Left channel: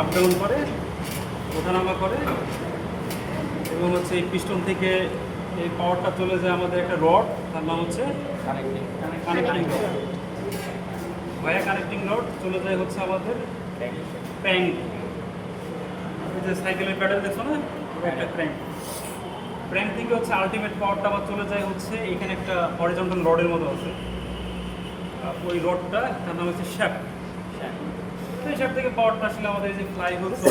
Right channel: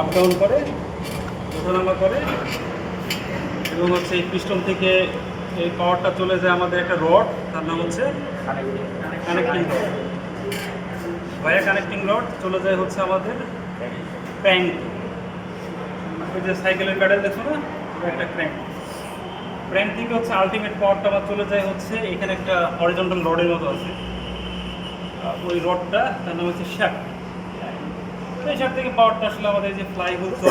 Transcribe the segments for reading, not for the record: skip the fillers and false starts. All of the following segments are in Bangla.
আপ ডাউন করে, ওঠানামা করে, এবং হচ্ছে এই পিস্টন থেকে এই পাওয়ারটা চলে যায় আমাদের একটা রড, তার নাম হচ্ছে কানেক্টিং রড। ভায়া কানেক্টিং রড চলে যায় হচ্ছে আমাদের ক্র্যাঙ্ক। ওই যে সাইকেলের প্যাডেল দেখছো না, একটা ক্র্যাঙ্ক। ক্র্যাঙ্ক থেকে হচ্ছে আলটিমেট পাওয়ারটা আমার চলে যায় হচ্ছে এখানে একটা হরিজন্টাল রডের মতো আছে, ওই রডটা তার নাম হচ্ছে শ্যাফট। তো এই শ্যাফট থেকে পাওয়ারটা আসলে আমাদের যে ফ্লাই হচ্ছে,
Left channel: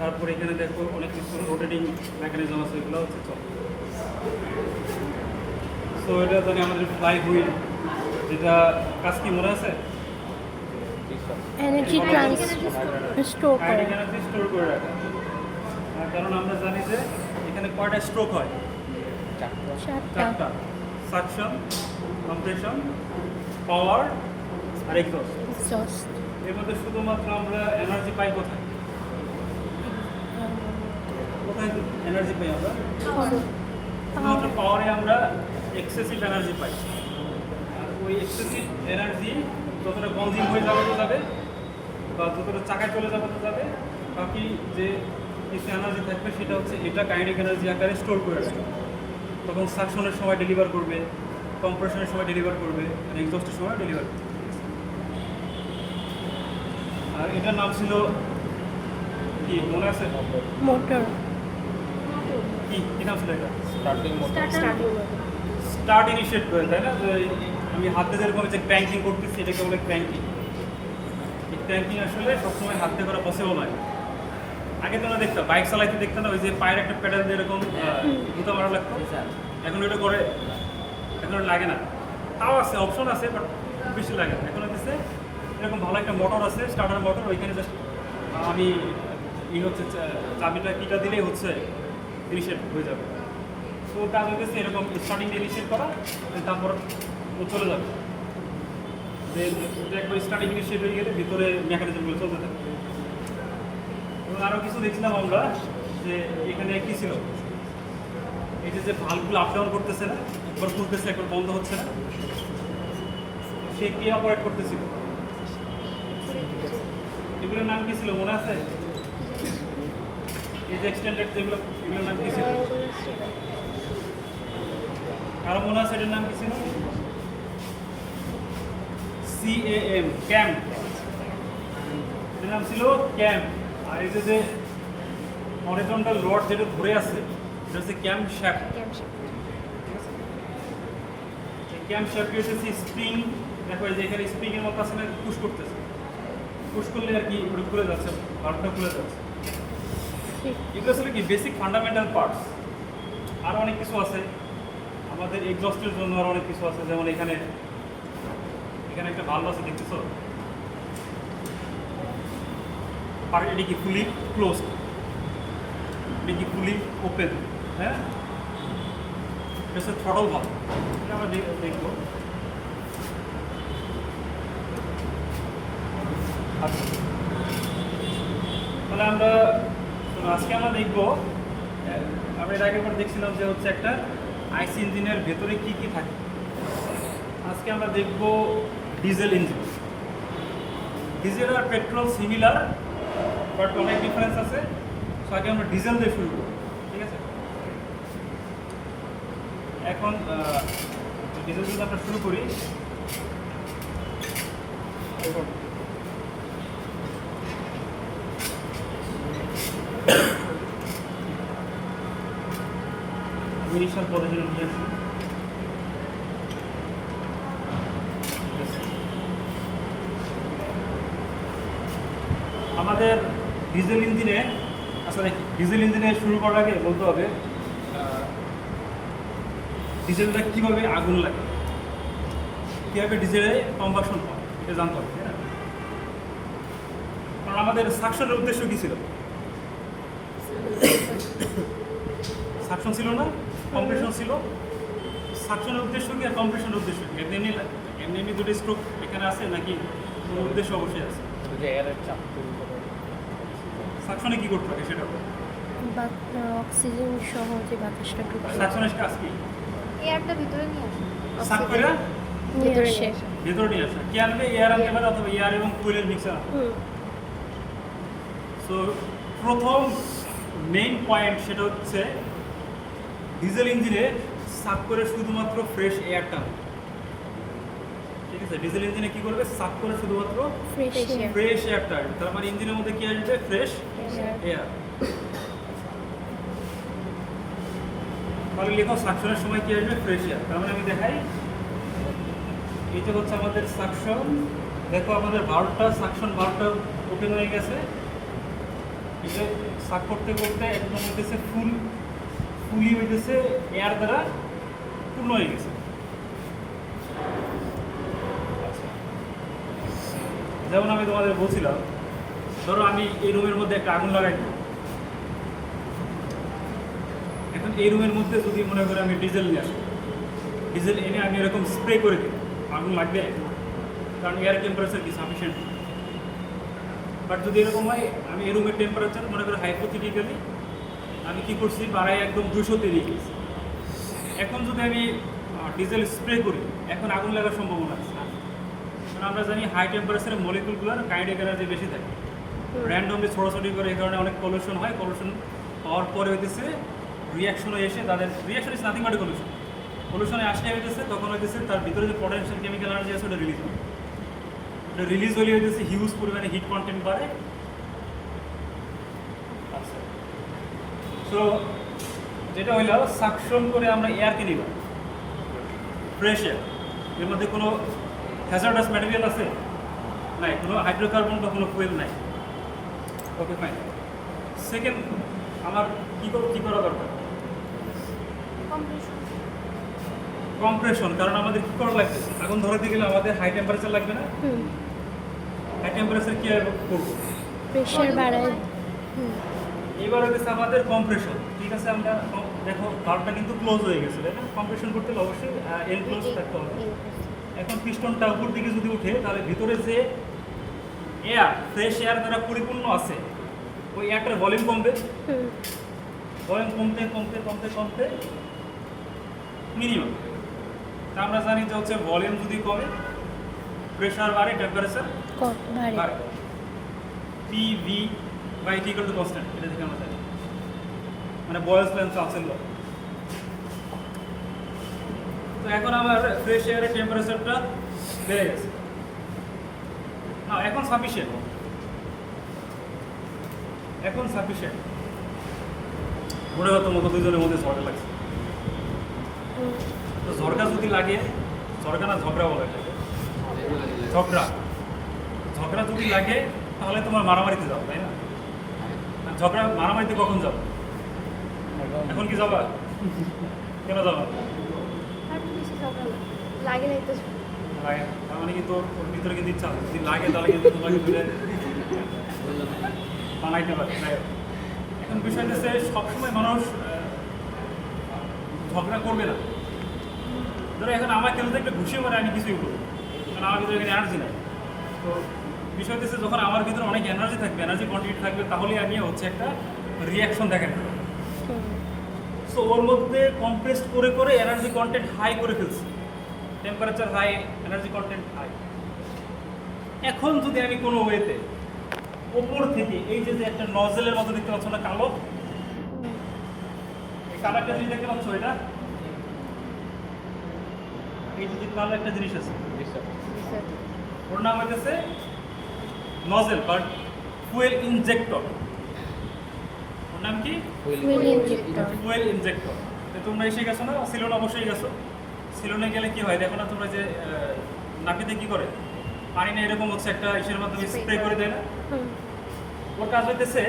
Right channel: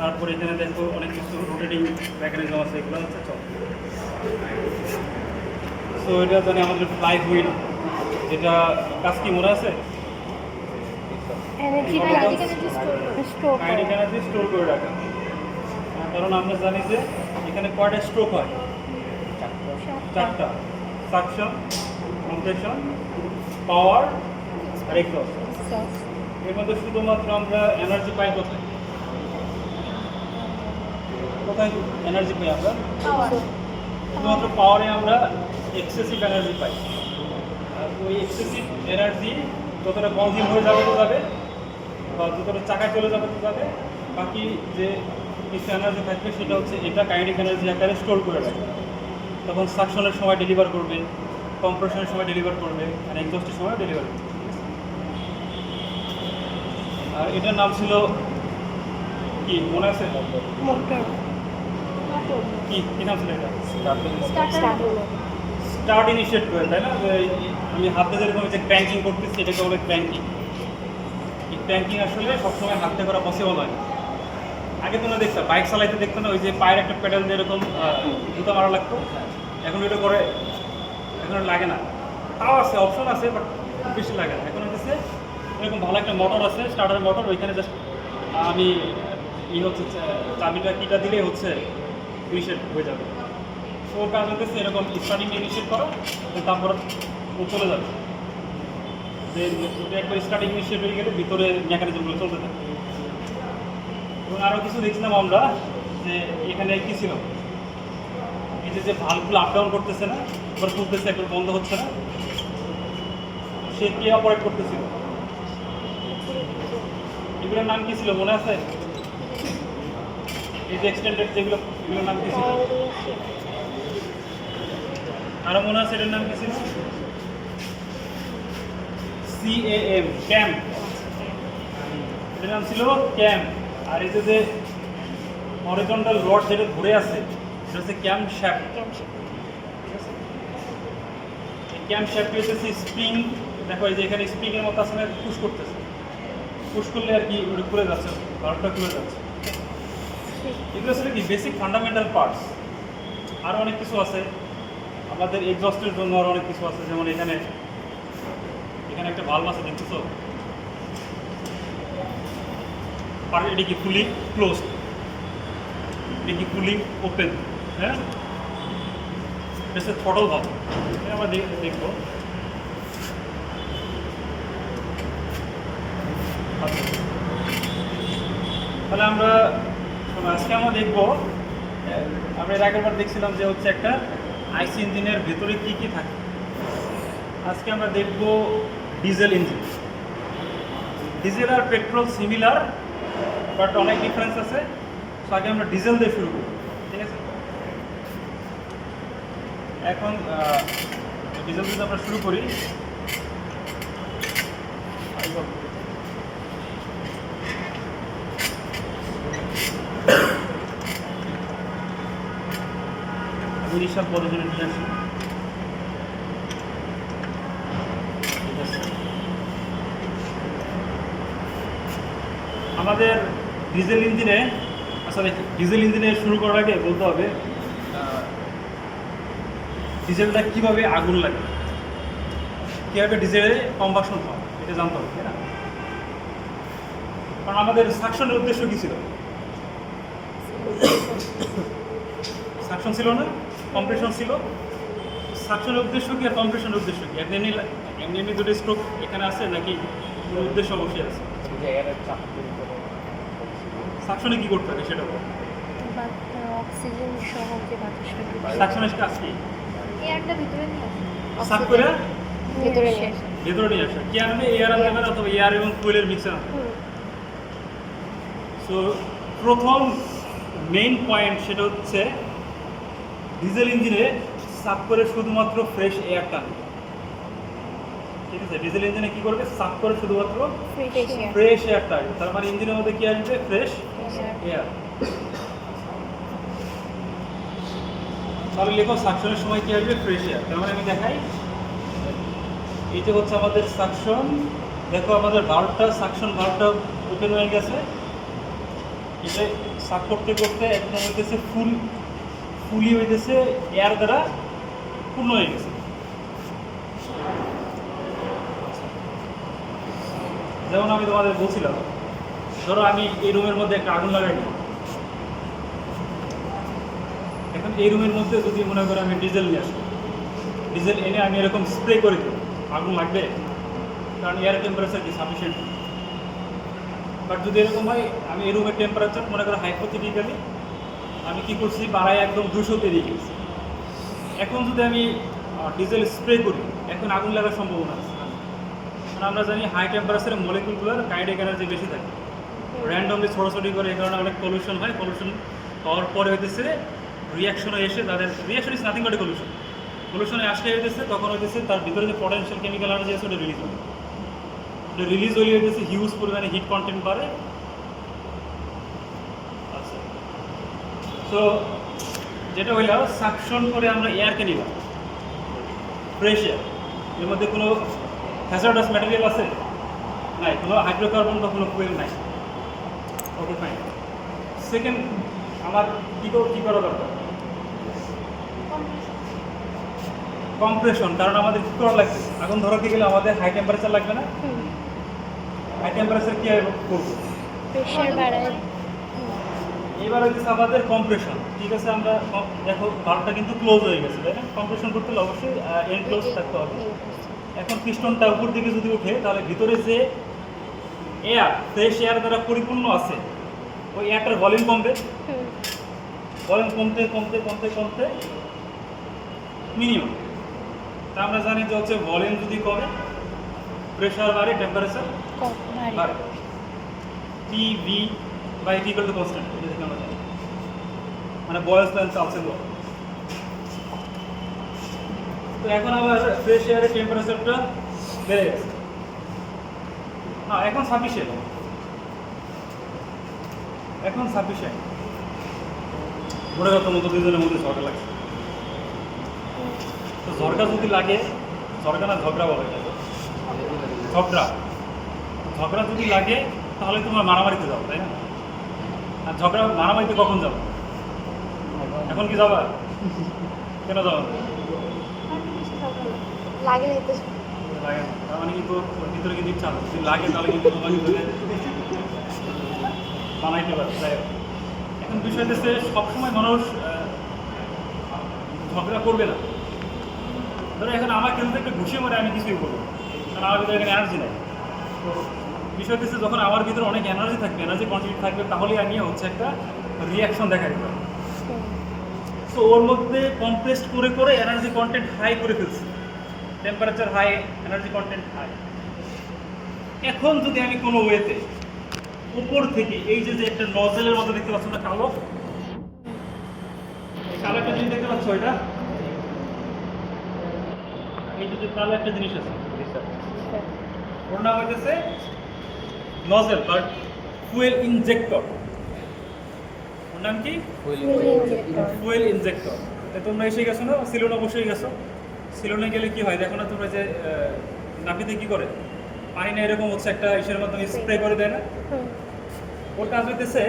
তারপরে এখানে দেখো অনেক কিছু রোটেটিং মেকানিজম আছে, এগুলো হচ্ছে চল। তো এটা জানি আমাদের ফ্লাই হুইল, যেটা কাজ কি মনে আছে, এনার্জি স্টোর করে। এনার্জি স্টোর করে রাখা। কারণ আমরা জানি যে এখানে কয়টা স্ট্রোক হয়, চারটা: সাকশন, কম্প্রেশন, পাওয়ার আর এক্সস্ট। এর মধ্যে শুধুমাত্র আমরা এনার্জি পাই কোথায়, কোথায় এনার্জি পাই আমরা? শুধুমাত্র পাওয়ারে আমরা এক্সেসিভ এনার্জি পাই। আর ওই এক্সেসিভ এনার্জি যতটা কনজিউম হয়ে যাবে তো যাবে, বা যতটা চাকায় চলে যাবে তো যাবে, বাকি যে কিছু এনার্জি থাকবে সেটা হচ্ছে এটা কাইনেটিক এনার্জি আকারে স্টোর করে রাখবে। তখন সাকশনের সময় ডেলিভার করবে, কম্প্রেশনের সময় ডেলিভার করবে, আর এক্সস্টের সময় ডেলিভার করবে। আর এটার নাম ছিল কি মনে আছে? মোটর। কি কি নাম ছিল এটা? স্টার্টার। স্টার্ট ইনিশিয়েট করে, তাই না? যে আমি হাতে যেরকম যে ক্র্যাঙ্কিং করতেছি, এটাকে বলে ক্র্যাঙ্কিং। এই ক্র্যাঙ্কিং আসলে সবসময় হাতে করা পসিবল হয় না। আগে তোমরা দেখতে বাইক চালাইতে দেখতে না, ওই যে পায়ের একটা প্যাডেল দিয়ে এরকম জুতা মারা লাগতো, এখন এটা করে, এখন লাগে না। তাও আছে, অপশন আছে, বাট বেশি লাগে না। এখন হচ্ছে এরকম ভালো একটা মোটর আছে, স্টার্টার মোটর, ওইখানে জাস্ট আমি হচ্ছে চাবিটা কিটা দিলেই হচ্ছে ইনিশিয়েট হয়ে যাবে। তো ওর কাজ হচ্ছে এরকম স্টার্টিং ইনিশিয়েট করা, তারপর ও চলে যাবে। যে একবার স্টার্টিং ইনিশিয়েট হয়ে গেলে ভিতরে মেকানিজমগুলো চলতে থাকে। এবং আরও কিছু দেখছিলাম আমরা যে এখানে কী ছিল, এই যে ভাল্বগুলো আপ ডাউন করতেছে না, একবার খুলতেছে একবার বন্ধ হচ্ছে না, সে কে অপারেট করতেছিল? এগুলোর নাম কী ছিল মনে আছে? এই যে এক্সটেন্ডেড যেগুলো, এগুলোর নাম কী ছিল? আরও মনে আছে এটার নাম কী ছিল? CAM, ক্যাম। এটার নাম ছিল ক্যাম। আর এই যে হরিজন্টাল রড যেটা ঘুরে আছে, এটা হচ্ছে ক্যাম শ্যাফট। ক্যাম শ্যাফট হচ্ছে স্প্রিং। দেখো এই যে এখানে স্প্রিং এর মতো আসলে পুশ করতেছে, পুশ করলে আর কি ওটা খুলে যাচ্ছে, রডটা খুলে যাচ্ছে। এগুলো ছিল কি বেসিক ফান্ডামেন্টাল পার্টস। আরও অনেক কিছু আছে আমাদের এক্সস্টের জন্য, আরও অনেক কিছু আছে। যেমন এখানে একটা ভালভ আছে, দেখতেছো? এটা কি ফুলি ক্লোজড, এটা কি ফুলি ওপেন? হ্যাঁ, এটা থ্রটল ভালভ। আমরা দেখবো। তাহলে আমরা আজকে আমরা দেখবো, আমরা এর আগের বার দেখছিলাম যে হচ্ছে একটা আইসি ইঞ্জিনের ভেতরে কি কি থাকে। আজকে আমরা দেখব ডিজেল ইঞ্জিন। ডিজেল আর পেট্রোল সিমিলার, বাট অনেক ডিফারেন্স আছে। সো আগে আমরা ডিজেল দিয়ে শুরু করি, ঠিক আছে? এখন ডিজেল দিয়ে আমরা শুরু করি। উড়িষ্যার পদ্ধতি নিয়ে আসি। আমাদের ডিজেল ইঞ্জিনে, আসলে ডিজেল ইঞ্জিনে শুরু করার আগে বলতে হবে ডিজেলটা কীভাবে আগুন লাগে, কীভাবে ডিজেলে কম্বাকশন হয়, এটা জানতে হবে, তাই না? কারণ আমাদের সাকশনের উদ্দেশ্য কী ছিল? সাকশন ছিল না, কম্প্রেশন ছিল। সাকশনের উদ্দেশ্য কি আর কম্প্রেশনের উদ্দেশ্য কি? এমনি এমনি দুটো স্ট্রোক এখানে আছে নাকি কোনো উদ্দেশ্য অবশ্যই আছে? সাকশনে কি করতে হবে সেটা অক্সিজেন সহ যে বাতাসটা সাকশনের কাজ কি? এয়ারটা ভিতরে নিয়ে আসে, সাক করে ভিতরে ভিতরে নিয়ে আসে। কি আনবে? এয়ার আনবে, অথবা এয়ার এবং ফুয়েলের মিক্সার। সো প্রথম মেইন পয়েন্ট সেটা হচ্ছে ডিজেল ইঞ্জিনে সাফ করে শুধুমাত্র ফ্রেশ এয়ার টানবে। ঠিক আছে, ডিজেল ইঞ্জিনে কি করবে? সাফ করে শুধুমাত্র ফ্রেশ এয়ার ফ্রেশ এয়ার টানবে। তার মানে ইঞ্জিনের মধ্যে কি আসবে? Fresh air. তাহলে লেখো সাকশনের সময় কি আসবে? Fresh air. তার মানে আমি দেখাই, এইটা হচ্ছে আমাদের সাকশন। দেখো আমাদের ভাল্বটা, সাকশন ভাল্বটা ওপেন হয়ে গেছে। এটা সাক করতে করতে একদম হইতেছে ফুলি হইতেছে, এয়ার দ্বারা পূর্ণ হয়ে গেছে। যেমন আমি তোমাদের বলছিলাম, ধরো আমি এই রুমের মধ্যে একটা আগুন লাগাই দিই। এখন এই রুমের মধ্যে যদি মনে করে আমি ডিজেল নিয়ে আসি, ডিজেল এনে আমি এরকম স্প্রে করে দিই, আগুন লাগবে? কারণ এয়ার টেম্পারেচার কি সাফিসিয়েন্ট। বাট যদি এরকম হয়, আমি এই রুমের টেম্পারেচার মনে করে হাইপোথেটিক্যালি আমি কী করছি, বাড়ায় একদম 200-তে দিয়ে গেছি। এখন যদি আমি ডিজেল স্প্রে করি, এখন আগুন লাগার সম্ভাবনা আছে। কারণ আমরা জানি হাই টেম্পারেচারে মলিকুলগুলোর কাইনেটিক এনার্জি বেশি থাকে, র্যান্ডমলি ছড়াছড়ি করে, এই কারণে অনেক পলিউশন হয়। পলিউশন হওয়ার পরে হইতেছে রিয়াকশনে এসে তাদের reaction is nothing but pollution. পলিউশনে আসলে হইতেছে তখন হইতেছে তার ভিতরে যে পটেনশিয়াল কেমিক্যাল এনার্জি আছে ওটা রিলিজ হয়। ওটা রিলিজ হলে হইতেছে হিউজ পরিমাণে হিট কন্টেন্ট বাড়ে। আচ্ছা, তো যেটা হইল সাকশন করে আমরা এয়ারকে নিলাম, ফ্রেশ এয়ার। এর মধ্যে কোনো হ্যাজার্ডাস ম্যাটেরিয়াল আছে? নাই। কোনো হাইড্রোকার্বন বা কোনো ফুয়েল নাই। ওকে, ফাইন। সেকেন্ড, আমার কী করা দরকার? কম্প্রেশন। কারণ আমাদের কী করা লাগবে? আগুন ধরাতে গেলে আমাদের হাই টেম্পারেচার লাগবে না? হাই টেম্পারেচার কী করবো? প্রেশার বাড়ায়। এইবার হচ্ছে আমাদের কম্প্রেশন। ঠিক আছে, আমরা দেখো ভাল্বটা কিন্তু ক্লোজ হয়ে গেছে, তাই না? কম্প্রেশন করতে হলে অবশ্যই এয়ার ক্লোজ থাকতে হবে। এখন পিস্টনটা উপর দিকে যদি ওঠে, তাহলে ভিতরে যে এয়ার, ফ্রেশ এয়ার দ্বারা পরিপূর্ণ আছে, ওই এয়ারটার ভলিউম কমবে। ভলিউম কমতে কমতে কমতে কমতে মিনিমাম। তা আমরা জানি যে হচ্ছে ভলিউম যদি কমে, প্রেশার বাড়ে, টেম্পারেচার বাড়ে। TV by T equal to constant, এটা থেকে আমরা জানি, মানে বয়েলস ল্যান্ড চান্সেল ল। তো এখন আবার ফ্রেশ এয়ারের টেম্পারেচারটা বেড়ে গেছে। না, এখন সাফিসিয়েন্ট। এখন সাফিসিয়েন্ট। মনে হতো মতো দুজনের মধ্যে ঝগড়া লাগছে। তো ঝগড়া যদি লাগে, ঝগড়া না ঝগড়া বলে, ঝগড়া ঝগড়া যদি লাগে তাহলে তোমরা মারামারিতে যাও, তাই না? আর ঝগড়া মারামারিতে কখন যাবো? এখন কি যাবা? কেন যাবো? লাগে তো লাগে না। তার মানে কিন্তু ওর ভিতরে কিন্তু ইচ্ছা আছে, যদি লাগে তাহলে কিন্তু তোমাকে বানাইতে পারে। এখন বিষয় হচ্ছে সবসময় মানুষ ঝগড়া করবে না। ধরো এখন আমার কিন্তু একটা ঘুষিয়ে মারে, আমি কিছুই করবো, কারণ আমার ভিতরে এখানে এনার্জি নেই। তো বিষয় হচ্ছে যখন আমার ভিতরে অনেক এনার্জি থাকবে, এনার্জি কোয়ান্টিটি থাকবে, তাহলেই আমি হচ্ছে একটা রিয়াকশন দেখাতে পারবো। সো ওর মধ্যে কম্প্রেসড করে করে এনার্জি কন্টেন্ট হাই করে ফেলছি, temperature high, energy content high. এখন যদি আমি কোনো ওয়েতে ওপর থেকে এই যে একটা নজেলের মতো দেখতে পাচ্ছ না, কালো কালো একটা জিনিস দেখতে পাচ্ছ, এটা এই যে কালো একটা জিনিস আছে, ওর নাম হইতেছে নজেল বা ফুয়েল ইনজেক্টর। ওর নাম কি? Fuel injector. তোমরা এসে গেছো না সিলন? অবশ্যই গেছো। সিলনে গেলে কি হয় দেখো না তোমরা, যে নাপিতে কি করে, পানি না এরকম হচ্ছে একটা ইসের মাধ্যমে স্প্রে করে দেয় না? ওর কাজ হইতেছে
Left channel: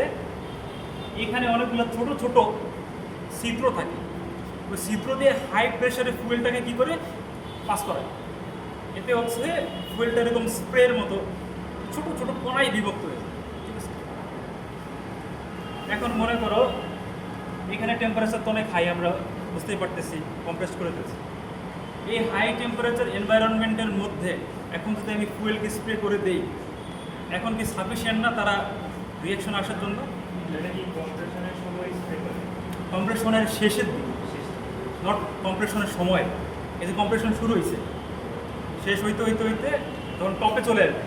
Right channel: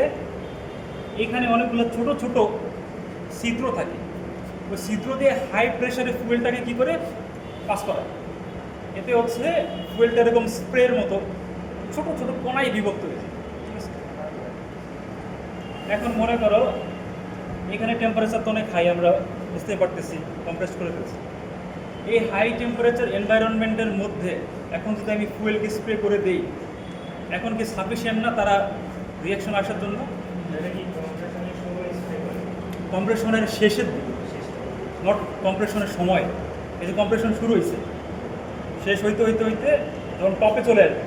এখানে অনেকগুলো ছোট ছোট ছিদ্র থাকে, ওই ছিদ্র দিয়ে হাই প্রেশারে ফুয়েলটাকে কি করে পাস করায়। এতে হচ্ছে ফুয়েলটা এরকম স্প্রের মতো ছোট ছোট কণায় বিভক্ত হয়েছে। ঠিক আছে, এখন মনে করো এখানে টেম্পারেচার তো অনেক হাই, আমরা বুঝতে পারতেছি, কম্প্রেস করে ফেলছি। এই হাই টেম্পারেচার এনভায়রনমেন্টের মধ্যে এখন যদি আমি ফুয়েলকে স্প্রে করে দিই, এখন কি সাফিসিয়েন্ট না তারা রিয়াকশন আসার জন্য? এটা কি কম্প্রেশনের সময় স্প্রে করে? কম্প্রেশনের শেষের দিকে, নট কম্প্রেশনের সময়। এই যে কম্প্রেশন শুরু হয়েছে, শেষ হইতে হইতে হইতে যখন টপে চলে আসবে,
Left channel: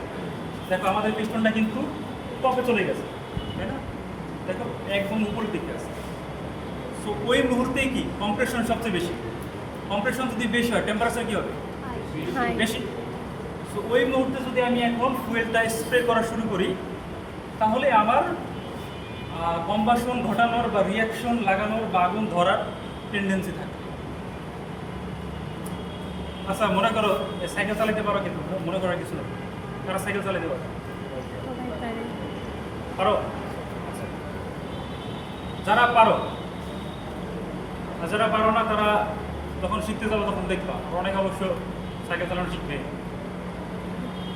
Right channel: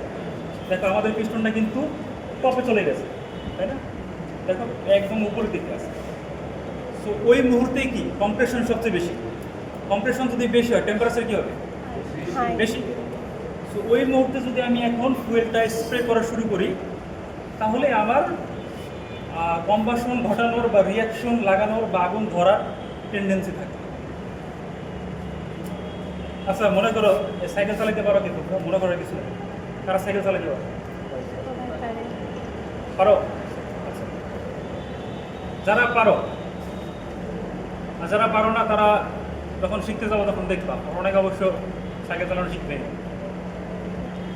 দেখো আমাদের পিস্টনটা কিন্তু টপে চলে গেছে। তাই না? দেখো একদম উপরের দিকে আছে। সো ওই মুহূর্তে কি কম্প্রেশন সবচেয়ে বেশি। কম্প্রেশন যদি বেশি হয় টেম্পারেচার কি হবে? হাই বেশি। সো ওই মুহূর্তে যদি আমি এখন ফুয়েলটা স্প্রে করা শুরু করি তাহলে আমার কম্বাসন ঘটানোর বা রিয়াকশন লাগানোর বা আগুন ধরার টেন্ডেন্সি থাকে। আচ্ছা মনে করো সাইকেল চালাতে পারো, কিন্তু মনে করো কিছু না, তারা সাইকেল চালাতে পারো পারো? যারা পারো আর যারা পারো না তারা যখন শিখতে যাবো তখন দেখবা অনেক অবশ্য সাইকেল চালানো শিখবে।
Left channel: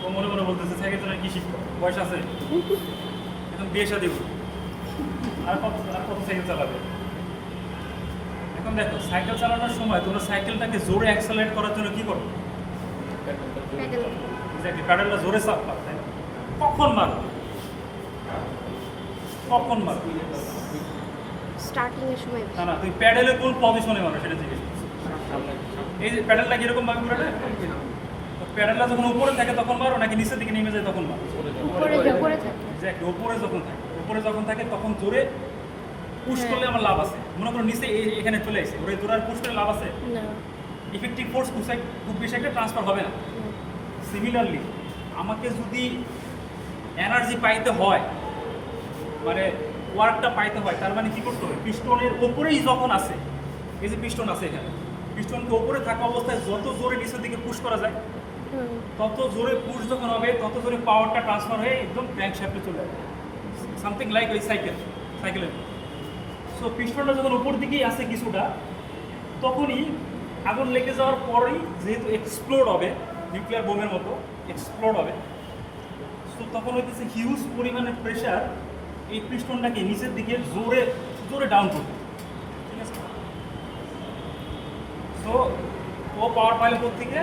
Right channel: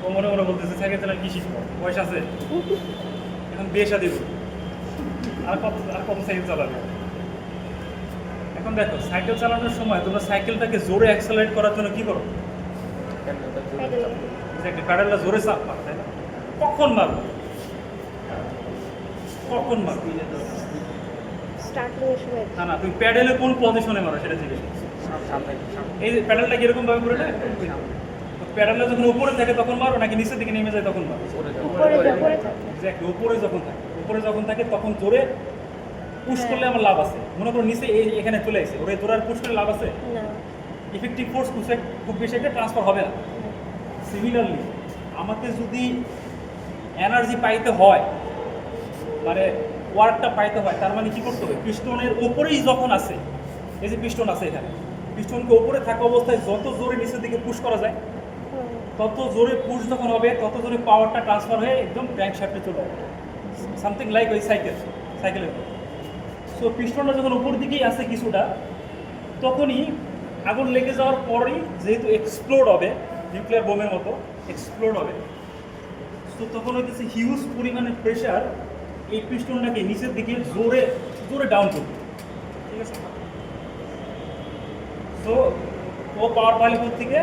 ও মনে মনে বলতেছে সাইকেল চালানো কি শিখবো, বয়স আছে, এখন বিয়ে শাদী করবো, আর কত সাইকেল চালাবে। এখন দেখো সাইকেল চালানোর সময় তোমরা সাইকেলটাকে জোরে অ্যাক্সেলারেট করার জন্য কি করো? প্যাডেলটা জোরে চাপা, তাই না? কখন মারো? কখন মারো? স্টার্টিং এর সময় না না, তুমি প্যাডেলে কোন পজিশনে মারো সেটা থেকে। এই যে প্যাডেলটা কিরকম ভাবে ঘুরে দেয়? প্যাডেলটা যখন উপরে থাকে তখন মারো নাকি নিচের দিকে নেমে যায় তখন মারো? উপরে থাকে এক্স্যাক্টলি উপরে যখন থাকে তখন জোরে পুশ করলে আমার লাভ আছে। মনে করো নিচে এখানে চলে আসে, ওরে জোরে পুশ করলে লাভ আছে? না ইফেক্টিভ ফোর্স খুব বেশি একটা ট্রান্সফার হবে না। সিমিলারলি আমাকে যদি এনার্জি পাইতে হয়, মানে ওয়ার্কটা পাইতে হয়, তার মানে কি করতে হবে? পিস্টনের ওপরেই যখন আছে, এই যে পিস্টন আছে এখানে, পিস্টনকে ওপরে থাকা অবস্থায় যত জোরে নিচের দিকে পুশ করা যায় তত জোরে পুশ যখন হবে তত জোরে পাওয়ারটা ট্রান্সফার হয়ে একদম ক্র্যাঙ্ক শ্যাফটে চলে যাবে। সামথিং লাইক ওই সাইকেলের। সো পিস্টনটা যখন উপর দিকেই আছে কিছুটা, তখনই আগুন লেগে যাওয়ার পরেই যেহেতু এক্সপ্লোড হবে, নিউক্লিয়ার বোমের মতো এক্সপ্লোড হবে, তো তখন হইতেছে হিউজ পরিমাণের প্রেশার এই পিস্টনটাকে নিচের দিকে জোরে জোরে ডাউন করবে। ঠিক আছে? সো ও পাওয়ার পাইলে থেকে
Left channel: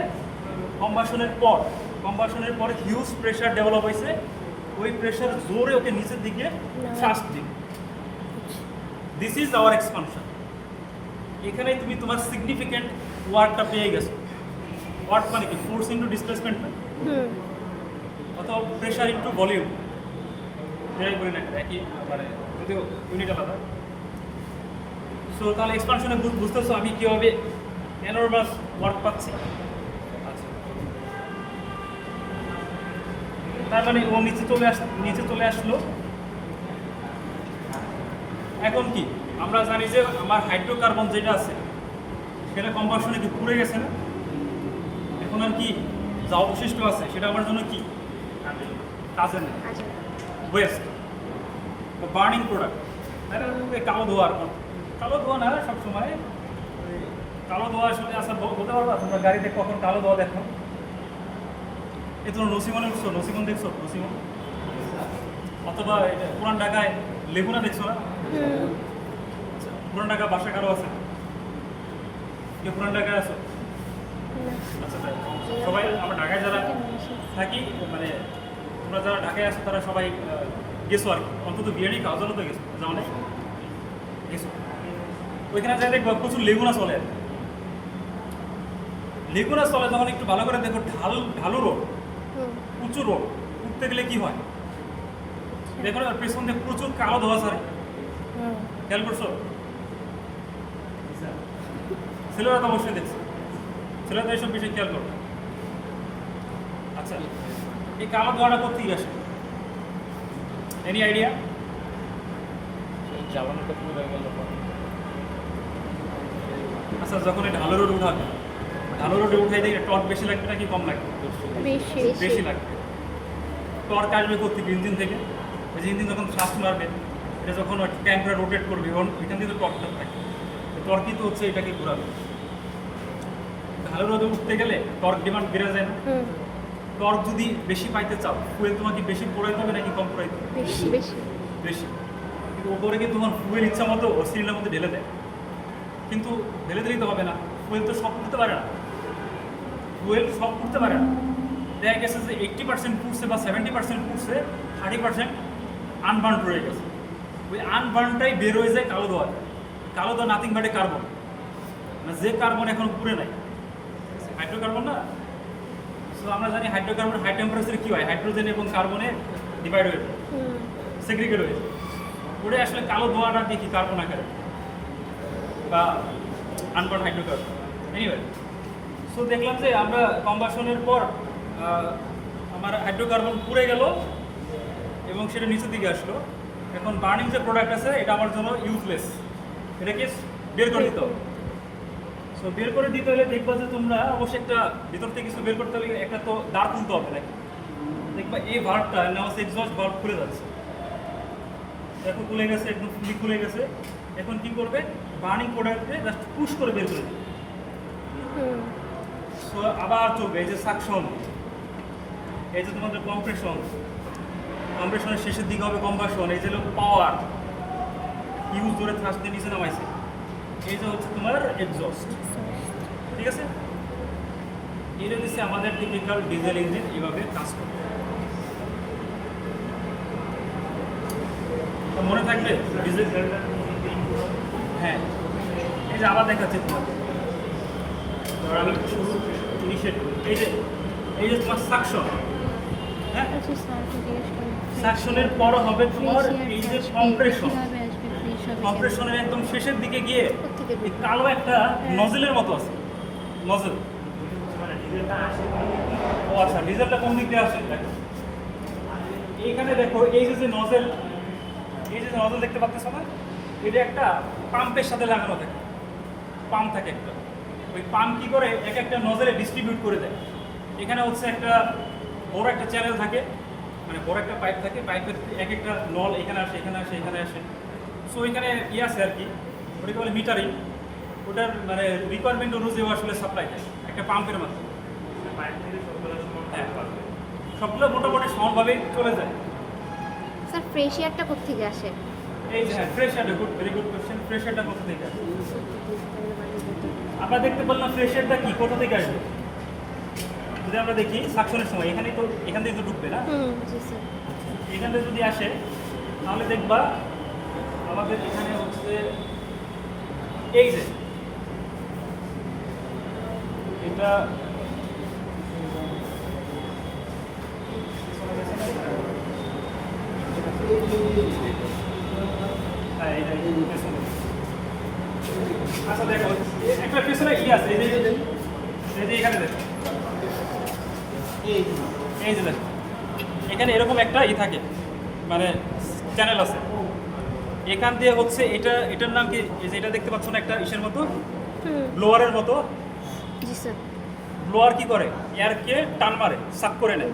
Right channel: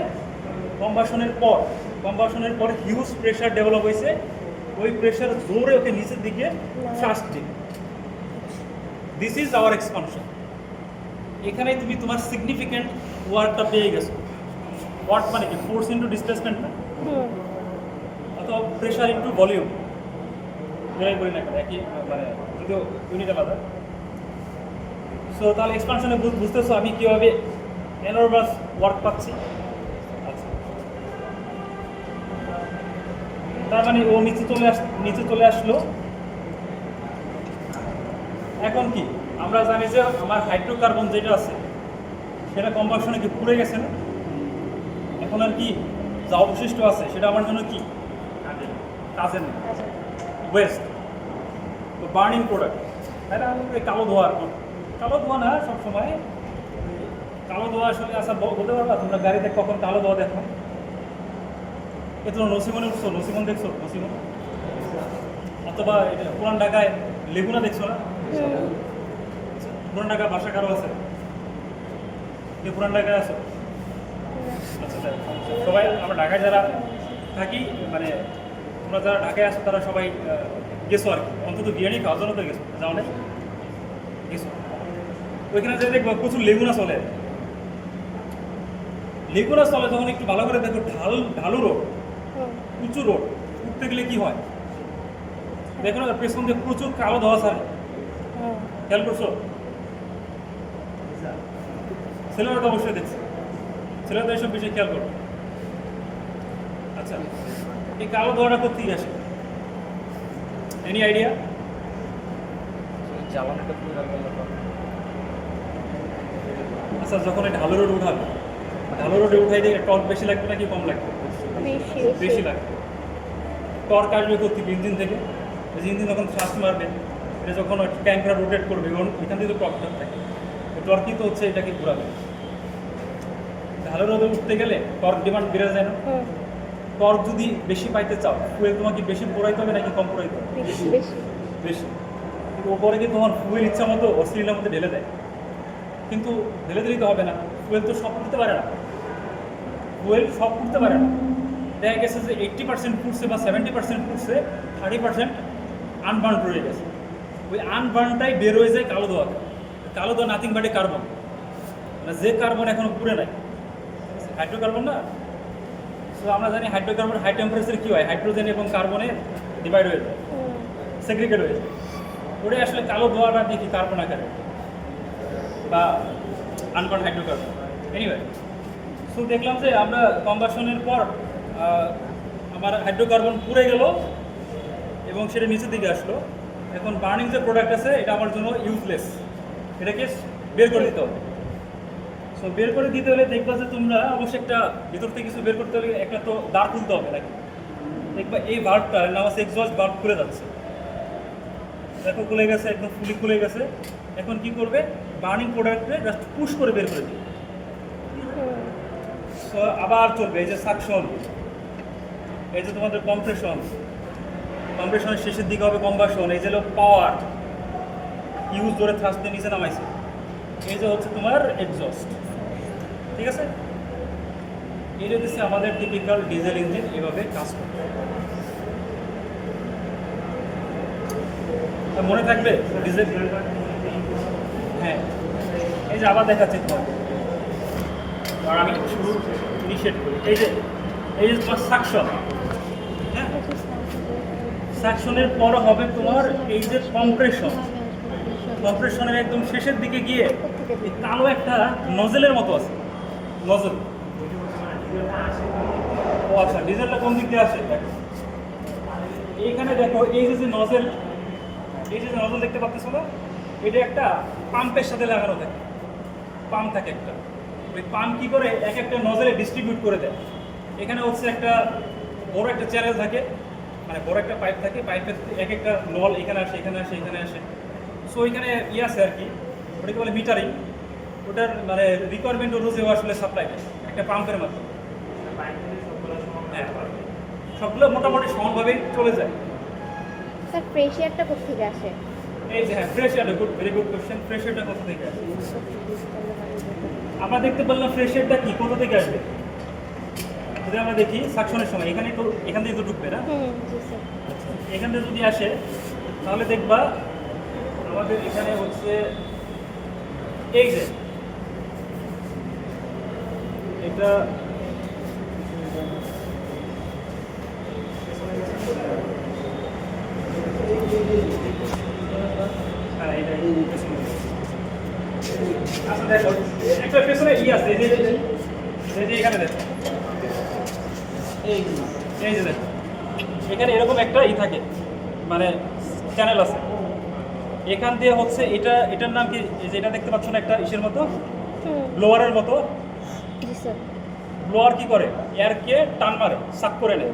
কম্বাসনের পর হিউজ প্রেশার ডেভেলপ হয়েছে, ওই প্রেশার জোরে ওকে নিচের দিকে ফাস্ট দিকে। This is our expansion. এখানে তুমি তোমার সিগনিফিক্যান্ট ওয়ার্কটা পেয়ে গেছো। ওয়ার্ক মানে কি? ফোর্স ইন্টু ডিসপ্লেসমেন্ট না, অথবা প্রেশার ইন্টু ভলিউম, যেটাই বলি না একই, মানে যদিও ইউনিট আলাদা। সো তাহলে এক্সপানশনে বুঝতেছো আমি কীভাবে এনর্ভাস ওয়ার্ক পাচ্ছি। আচ্ছা, তার মানে ও নিচে চলে আসলো। এখন কি আমরা জানি যে আমার হাইড্রোকার্বন যেটা আছে সেটা কম্বাসনে কি পুড়ে গেছে না? এখন আর কি যা অবশিষ্ট আছে সেটা আমার জন্য কি কাজে নেই, ওয়েস্ট, বার্নিং প্রোডাক্ট, তাই না? এই কালো ধোয়া আর কি, কালো ধোয়া না সবসময়, কালো ধোয়া আসলে আচ্ছা বলতে পারবা তোমরা গাড়িতে কখন কালো ধোয়া দেখো? এ তোমরা নসিমনে উঠছো, নসিমন দেখছো? নসিমন অথবা পুরান ঢাকায় লেগুনা দেখছো না? পুরান ঢাকা বাসা কারো আছে? পুরান ঢাকায় আছো? আচ্ছা, সবাই আমরা ঢাকায় যারা থাকি, মানে তোমরা যারা ঢাকায় আসো তারা সবাই গেছো আর কি, অন্তত বিরিয়ানি খাওয়ার জন্য তো গেছো, যাও না? গেছো, ওইখানে যাই দেখবো প্রচুর লেগুনা চলে। লেগুনা চলে যখন একটু ভালো করে দেখো, ঢালু রোড, উঁচু রোড, উঠতে গেলে কি হয় দেখো না, পেছন দিয়ে প্রচুর কালো ধোয়া ছাড়ে। খেয়াল করছো? ছেলেরা তো অবশ্যই দেখছে, ছেলেরা তো এইসব বিষয়ে খেয়াল করবে। আচ্ছা, এই কালো ধোয়াটা কোথেকে আসবে? Any idea? জ্বালানিটা পুরো গেল। আচ্ছা, যখন এই ঢালু রোড উঠাবে, ঢালু রোডে উঠে দেখে টর্ক বেশি লাগবে নাকি কম লাগবে? বেশি লাগবে। টর্ক আসবে কোথেকে? ইঞ্জিন থেকে। ইঞ্জিন যখন শ্বাস মারবে, এটা যখন ওই ট্যাঙ্কটা রোটেট করবে, এখান থেকে টর্কটা থাকে, টর্কই তো হচ্ছে এটাকে ঘোরাবে। ঢালু রোদে উঠতে গেলে টর্ক ডিমান্ড বেড়ে যায় না? টর্ক যদি বেশি পাইতে চাও, ফুয়েল তোমাকে বেশি পোড়াইতে হবে নাকি কম পোড়াইতে হবে? বেশি। কিন্তু ওপরে কি তোমার ফুয়েল ইচ্ছা মতো ও সিলিন্ডারের মধ্যে ঢেলে দেয়, কিন্তু ঢেলে দিলেই তো হবে না, ফুয়েল তো সব করতে পারে না, ফুয়েল সব করতে পারে না। দেখা গেছে যে 80% ফুটছে বা 70% ফুটছে, 30% আনবার্ন রয়ে গেছে। ওই আনবার্নটাই বের হয়ে যায় কালো ধোয়া। কালো ধোয়া নাথিং বাট এ কার্বন, মানে যে কার্বন এখনো পুড়ে নাই, হাইড্রোকার্বন না। সো আমরা জানি হাইড্রোকার্বন হাই টেম্পারেচারে কী হয়, হাইড্রোজেন এবং কার্বনে ডিভাইড হয়ে যায়, সেগ্রিগেট হয়ে যায়। ওটা আসলে কালো ধোঁয়াটা দেখি কার্বন আকারে বা আনবার্ন হাইড্রোকার্বন। এনিওয়ে, সো দেখলাম যে আমরা কম্বাসনের পর আমার হাইড্রোকার্বন পুড়ে গেল এবং সেটা নিচের দিকে আসলো। এখন বার্নিং যে প্রোডাক্ট আছে এটা আমার জন্য ইউজলেস, এটাকে বের করে দিতে হবে। সো বের করে দিতে হলে দেখবা যে তোমরা অবশ্যই একটা ভিতর থেকে কিছু বের করতে হলে একটা তো দাঁড় খুলতে হবে নাকি। দেখবা এই ভাল্বটা নাম আছে এক্সস্ট ভাল্ব খুলে যাচ্ছে, দেখো খুলে গেছে, একদম ফুলি খুলে গেছে। এখন কি করবে, বার্নিং প্রোডাক্টে জাস্ট পুশ করে বের করে দিবে। সো আবার চলবে এই যে সাকশন, এই যে তোমাদের কম্প্রেশন, কম্প্রেশনের শেষের দিকে হবে কম্বাসন, এই যে হলো পাওয়ার ইউজ করে থ্রাস্ট দিয়ে নিচে নামাইছে, এই যে হচ্ছে তোমার এক্সস্ট। ঠিক আছে, এটা হচ্ছে আমাদের টিপিক্যাল ডিজেল ইঞ্জিন এভাবে কাজ করে। মনে থাকবে ডিজেল, হ্যাঁ এই যে আবার দেখাচ্ছি তোমাকে, আর আমি শুরু ইনিশিয়েট করি। এই যে তোমার সাকশন, হ্যাঁ সাকশনের পর হবে তোমার এই যে কম্প্রেশন। কম্প্রেশনের একদম শেষের দিকে গিয়ে এই কালো একটা নজেলের মতো আছে, নজেল। ও আচ্ছা, ডিজেলটা কোন দিক দিয়ে আসে দেখো, এইখানে দেখো এই যে নজেল, এই যে নজল দেখতে পাচ্ছ না, এটা একটা পাম্পের সাথে লাগানো থাকে, পাম্প থাকে একটা। ওই পাম্প কি করে এক একটা নজলে ডিস্ট্রিবিউট করে দেয়। এখানে হচ্ছে একটা বড় একটা চ্যানেল থাকে, মানে বড় একটা পাইপ থাকে, পাইপের এক একটা নল এখানে আসে, এখানে আসে, এখানে আসে। সো ওইখানে ইয়ে আছে আর কি, ওটাকে বলে মিটারিং। ওটার মানে রিকোয়ারমেন্ট অনুযায়ী আসলে সাপ্লাই দেয় একটা পাম্পের মাধ্যমে। সবগুলো মোটামুটি সমানভাবেই চলে যায়। স্যার ফ্রেশ এয়ারটা কোত্থেকে আসে? এই যে হ্যাঁ, ফ্রেশ এয়ারটা good, very good question. Fresh এয়ারটা কোথা থেকে আসে? আমরা দেখতে পেলাম ফ্রেশ এয়ারটা কি কোথা থেকে আসবে। যদি আমরা দেখি সাকশনের সময় এখানে তো, এখান থেকে তো ঢুকবে না, জি স্যার। এখান থেকে যদি আসে তাহলে দেখবা আমাদের এখানে হচ্ছে এই যে এটা হ্যাঁ, আচ্ছা দেখো একটা পেছনে ই আছে, এই যে এখানে দেখো, এই যে দেখো এখানে এরকম একটা ই থাকে, মানে চ্যানেল আছে। এখান দিয়ে হচ্ছে এটার নাম কি, এই যে এটা দেখতে পাচ্ছ না একটা ইসের মতো, ব্লোয়ারের মতো। জি স্যার। ব্লোয়ার কি করে, এয়ারকে টান মারে, সাক করে নেয়।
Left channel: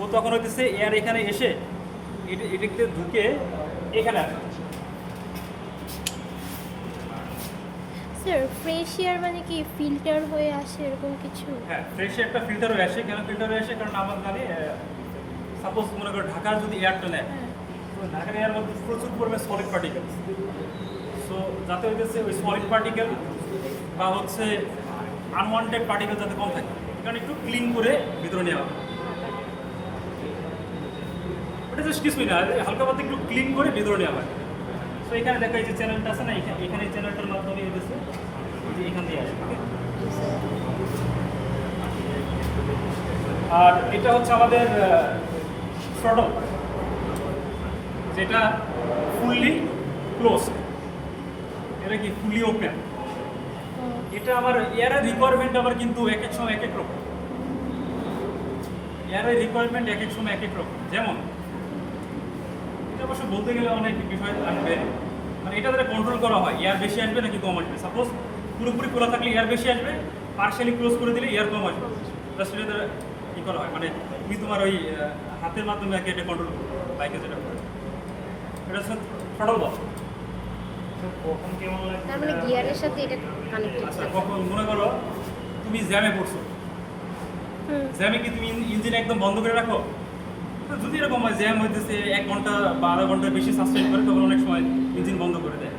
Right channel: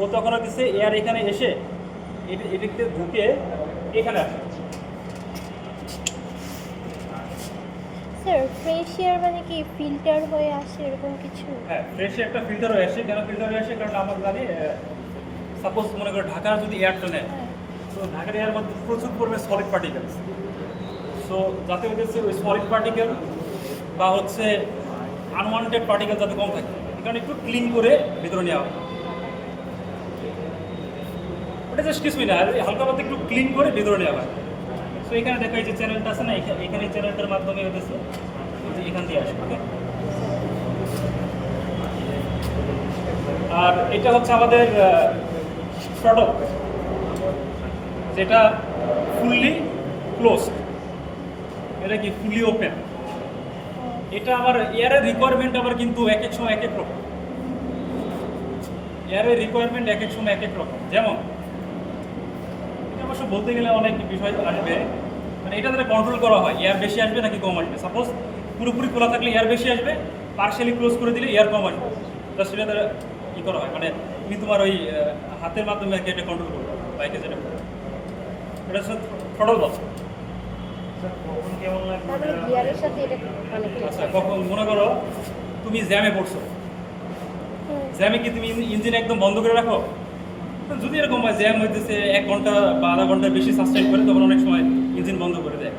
ও তখন হচ্ছে এয়ার এখানে এসে এটাতে ঢুকে এখানে আসে। স্যার ফ্রেশ এয়ার মানে কি ফিল্টার হয়ে আসে এরকম কিছু? হ্যাঁ, ফ্রেশে একটা ফিল্টার হয়ে আসে। কেন ফিল্টার হয়ে আসে, কারণ আমার জানি সাপোজ মনে করো ঢাকার যদি এয়ারটা নেয়, তো ঢাকার এয়ার মধ্যে প্রচুর পরিমাণে সলিড পার্টিকেল। সো যাতে হচ্ছে ওই সলিড পার্টিকেল বা হচ্ছে আনওয়ান্টেড পার্টিকেল যাতে কম থাকে, কারণ একটু ক্লিন করে ভিতরে নেওয়া হয়। ওটা জাস্ট কিছুই না, হালকা পাতলা একটু ক্লিন করে ভিতরে নেওয়া হয়। সো এখানে দেখো এই যে চ্যানেলটা আছে না, এখানে এই চ্যানেলটার মাধ্যমে হতেছে যে এখান দিয়ে আসবে। ওকে, আর এটা হচ্ছে আমাদের থ্রটল, যেটা ফুললি ক্লোজড, এটা কি ফুললি ওপেন। এটা আমার এয়ারের রিকোয়ারমেন্ট আবার কিন্তু এক এক সময় এক এক রকম। এয়ারের রিকোয়ারমেন্ট এক এক সময় এক এক রকম। যেমন এটা অবশ্য বলতে গেলে অনেক বিষয় আসবে, মানে এটা দ্বারা কন্ট্রোল করা হয় এয়ার বেশি আসবে নাকি কম আসবে। সাপোজ পুরোপুরি খোলা থাকলে এয়ার বেশি আসবে, পার্শিয়ালি ক্লোজ করে দিলে এয়ার কম আসবে। সেটা দ্বারা কী করা হয়, মানে তুমি তোমার ওই হাতের মাধ্যমে এটা কন্ট্রোল করবে, বাইকে যেটা করে এটা হচ্ছে থ্রটল বল। কখন কেমন লাগবে? তাহলে গিয়ারের সাথে এটা কানেক্টেড। আচ্ছা, কখন মনে করো তুমি জ্যামে পড়ছো, জ্যামে কি তুমি ইঞ্জিন একদম বন্ধ করে রাখো? তো যদি এরকম হয় জ্যাম হইতেছে 1 ঘন্টা বা আধা ঘন্টার বেশি সাস্টেইন করে, তখন অনেক সময় ইঞ্জিন বন্ধ করে দেয়।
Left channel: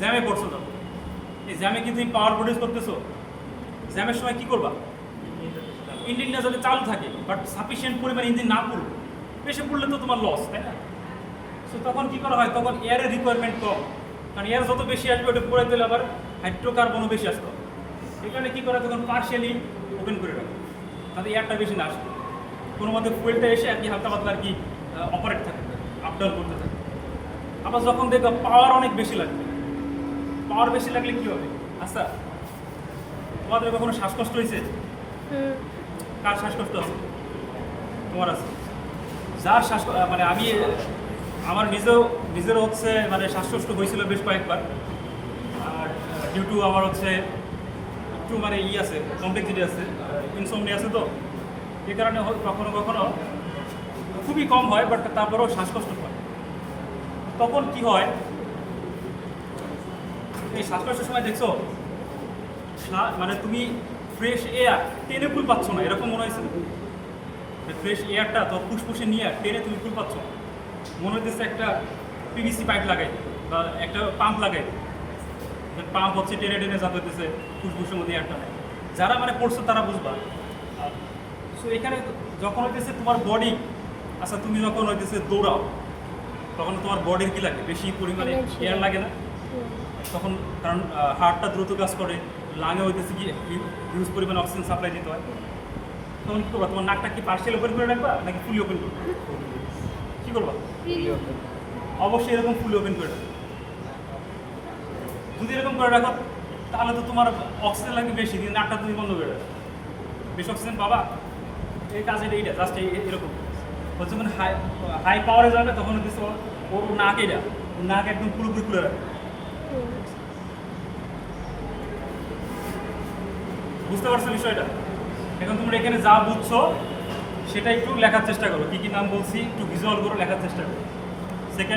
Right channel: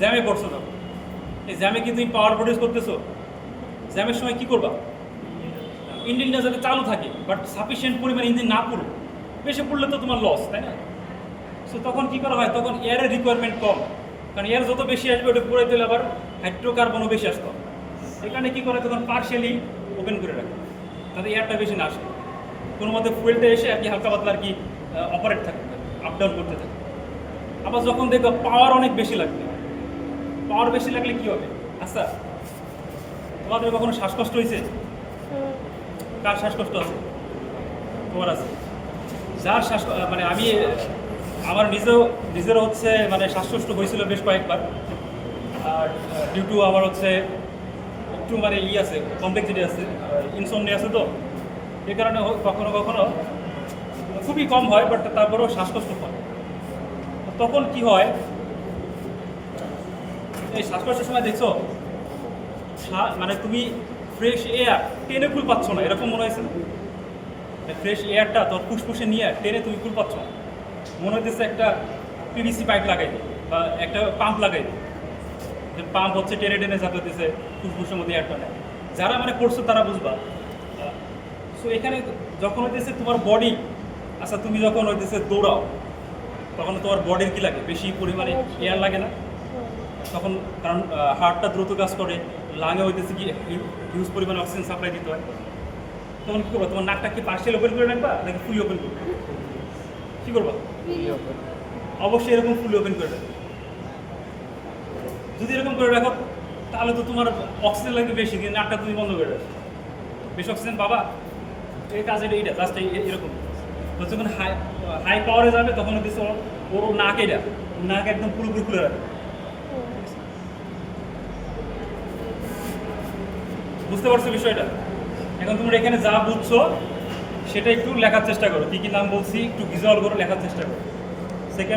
জ্যামে পড়ছো, তখন এই জ্যামে কি তুমি পাওয়ার প্রডিউস করতেছো, জ্যামের সময় কি করবা, ইঞ্জিনটা যাতে চালু থাকে বাট সাফিসিয়েন্ট পরিমাণ ইঞ্জিন না পড়ুক, বেশি পড়লে তো তোমার লস, তাই না? সো তখন কী করা হয়, তখন এয়ারের রিকোয়ারমেন্ট কম, কারণ এয়ার যত বেশি আসবে ওটা পড়ে দিলে আবার হাইড্রোকার্বনও বেশি আসতে হবে। এখানে কী করে, তখন পার্শিয়ালি ওপেন করে রাখে, তাতে এয়ারটা বেশি না আসে, কোনো মধ্যে ফুয়েলটা এসে আর কি হালকা পাতলা আর কি অপারেট থাকে, আপ ডাউন করতে থাকে। আবার যখন দেখো পাওয়ার অনেক বেশি লাগবে, পাওয়ার বেশি লাগলে কী হবে? আচ্ছা, তোমাদের কখনো শ্বাসকষ্ট হয়েছে? কার শ্বাসকষ্ট আছে? তোমার আছে? যার মানে আমি আমার নিজেরও হচ্ছে মানে শ্বাসকষ্ট হয়েছিল বেশ কয়েকবার। আর ডিউ টু আমার হচ্ছে একটু মানে আছে, কমপ্লেক্সিটি আছে, ইনসমনিয়া আছে, তো এই কারণে কখনো কখনো খুবই কম হয়, বাট তারপরেও শ্বাসকষ্ট হয়। তখন কি হয়, এই শ্বাসকষ্টের সময় দেখছো মানে তুমি ফ্রেশ এয়ার টেনে কুল পাচ্ছ না, এরকম মনে হয়েছে? ফ্রেশ এয়ারটা তোর ফুসফুসে নিয়ে টেনে তুমি কুল পাচ্ছ না, মনে হইতেছে একটা পিভিসি পাইপ লাগাই বা একটা পাম্প লাগাই, পাম্প হচ্ছে টেনে টেনে যাতে হইতেছে ফুসফুসের মধ্যে এয়ারটা। যারা মানে করছো তারা বুঝবা। সো এখানে যখন হইতেছে তোমার বডি, আচ্ছা তুমি যখন হইতেছে দৌড়াও তখন তোমার বডির কি লাগে? বেশি পরিমাণে এয়ার লাগে না? তখন কারণ হার্টটা দ্রুত কাজ করে, লাঙে হইতেছে কি হিউজ পরিমাণে অক্সিজেন সাপ্লাই দিতে হয়। তখন কী করবা? তোমার নাকটা কি পার্সিয়াল ওপেন করে রাখবা নাকি ফুলি ওপেন করবে? কী করবা? অবশ্যই এরকম ফুলি ওপেন করে রাখবে। যদি এরকম করে রাখো তাহলে তো তোমার অক্সিজেন লাগবে বেশি, কিন্তু নাকটা তুমি বন্ধ করে রাখো, বেশি অক্সিজেন পাবা। এই কাজের এইটা জাস্ট এরকম হচ্ছে, যখন হাই পাওয়ারে যাবে তখন হচ্ছে ওর নাক, এটা নাক একদম পুরোপুরি খুলে রাখে। বুঝতে পারছো বিষয়টা? এখন তোমরা এখানে যা বুঝছো সেটা একটু লেখার চেষ্টা করো, কী কী নাম বলছি একটু ভিজুয়াল করে লেখার চেষ্টা করো। সেকেন্ড